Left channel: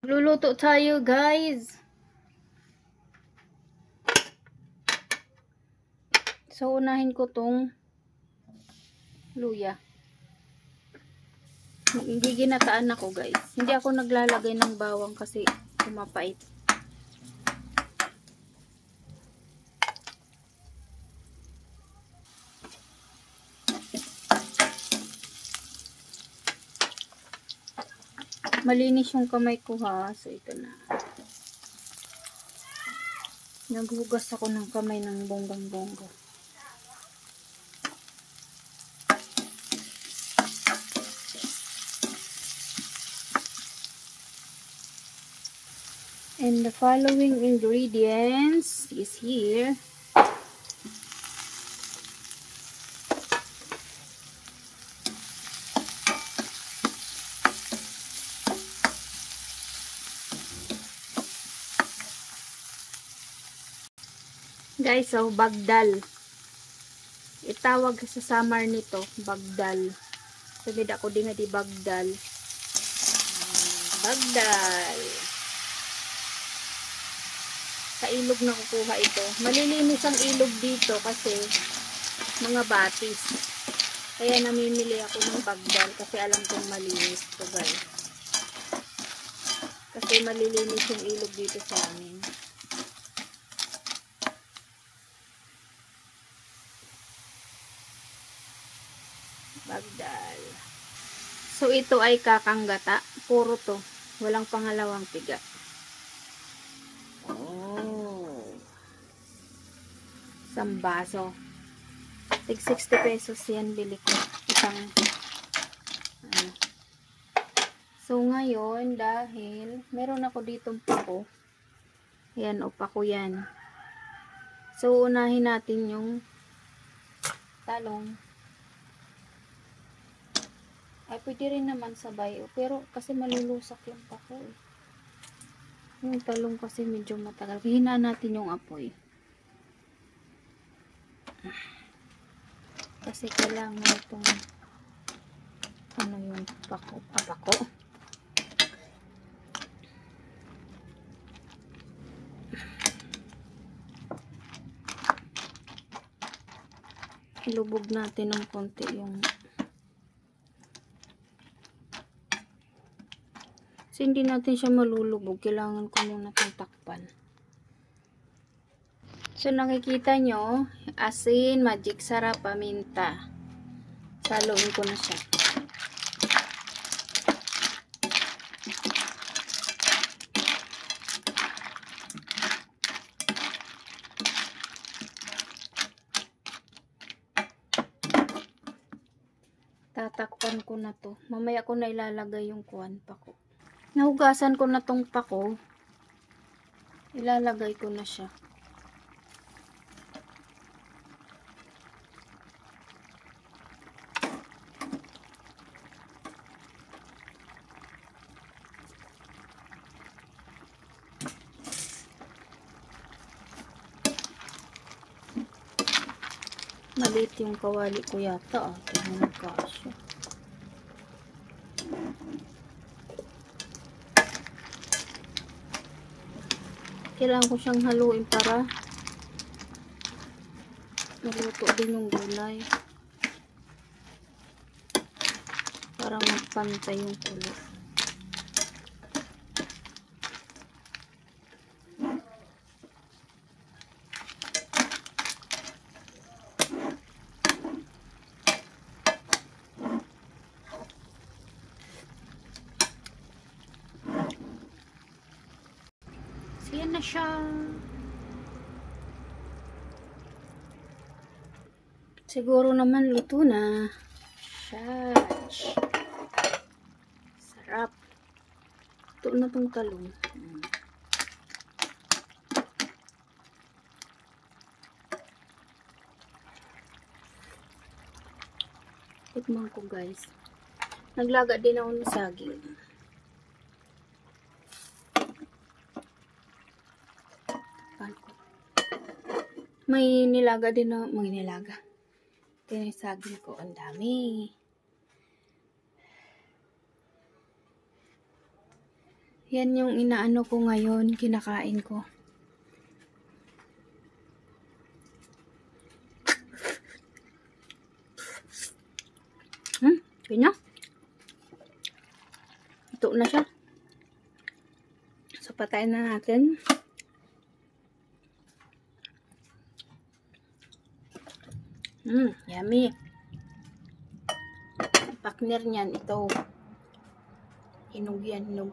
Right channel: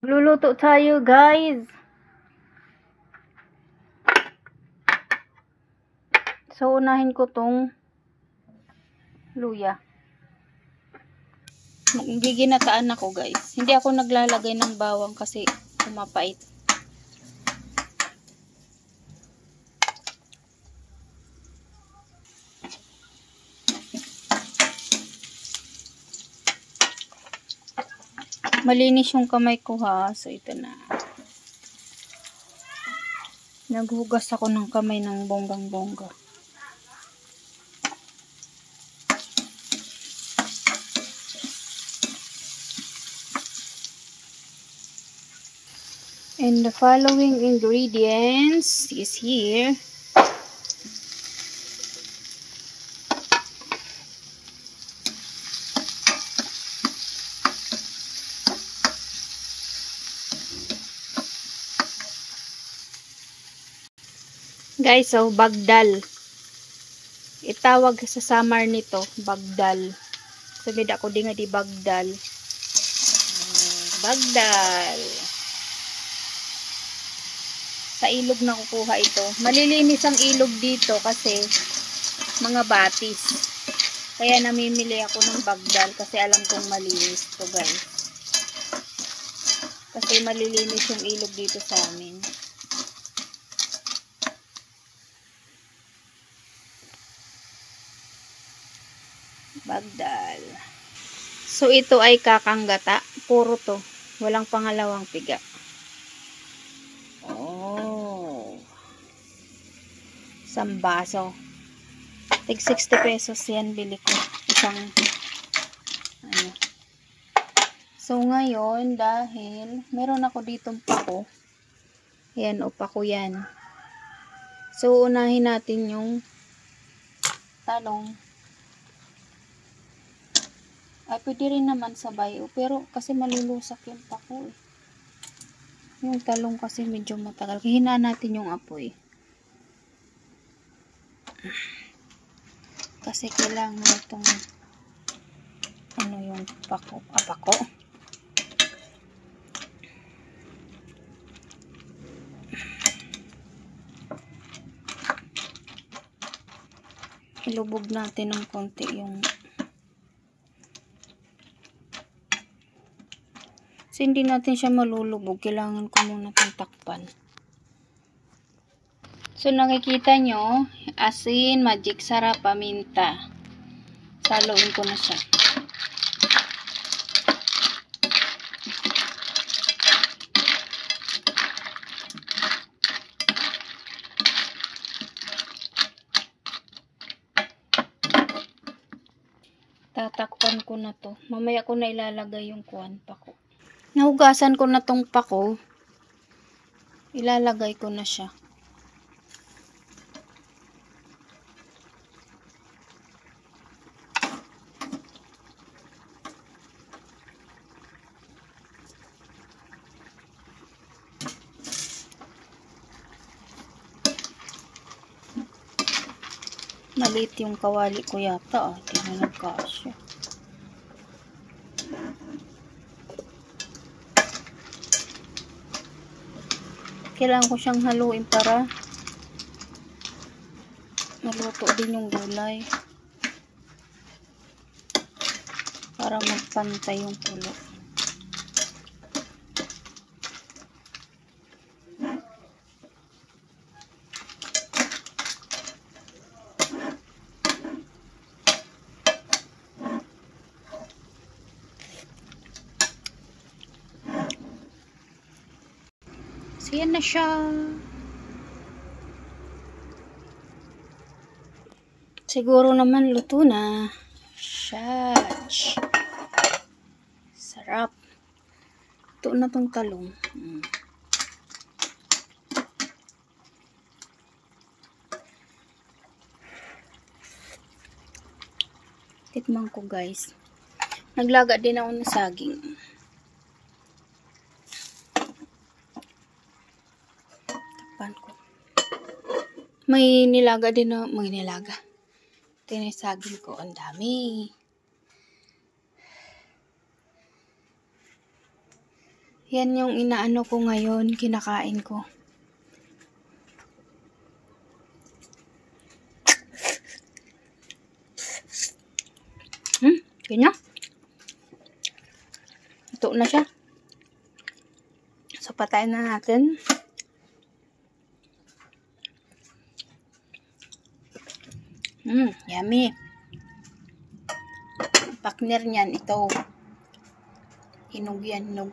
Luluto tayo, guys. So, unahin ko tong luya. Giginataan ako, guys. Hindi ako naglalagay ng bawang kasi kumapait. Malinis yung kamay ko, ha. So, ito na. Naghugas ako ng kamay ng bonggang-bongga. And the following ingredients is here. Guys, so bagdal. Itawag sa Samar nito, bagdal. Sabi ako di nga di bagdal. Bagdal. Sa ilog na kukuha ito. Malilinis ang ilog dito kasi mga batis. Kaya namimili ako ng bagdal kasi alam kong malinis to, guys. Kasi malilinis yung ilog dito sa amin. Bagdal. So ito ay kakanggata. Puro to. Walang pangalawang piga. Oh. Isang baso. Tig 60 pesos yan bili ko. Isang ano. So ngayon dahil meron ako ditong pako. Ayan o, pako yan. So unahin natin yung talong. Ay pwede rin naman sabay. Pero kasi malulusak yung pako eh. Yung talong kasi medyo matagal. Hinaan natin yung apoy. Kasi kailangan itong ano yung pako. Pako. Ilubog natin ng konti yung kasi hindi natin siya malulubog. Kailangan ko muna itong takpan. So nakikita nyo, asin, magic sarap, paminta. Saluin ko na siya. Tatakpan ko na to. Mamaya ko na ilalagay yung kuwan pako. Nahugasan ko na tong pako. Ilalagay ko na siya. Maliit yung kawali ko yata. Hindi na nagkasya. Kailangan ko siyang haluin para maluto din yung gulay. Para magpantay yung kulo. So, yan na siya. Siguro naman luto na. Shach. Sarap. Ito na tong talong. Tikman ko, guys. Naglaga din ako ng saging. Takpan ko. May nilaga din na, may nilaga. Ito yung saging ko. Ang dami. Yan yung inaano ko ngayon, kinakain ko. Ganyan. Ito na siya. So, patayin na natin. Yummy. Partner niyan, ito. Hinog yan, hinog.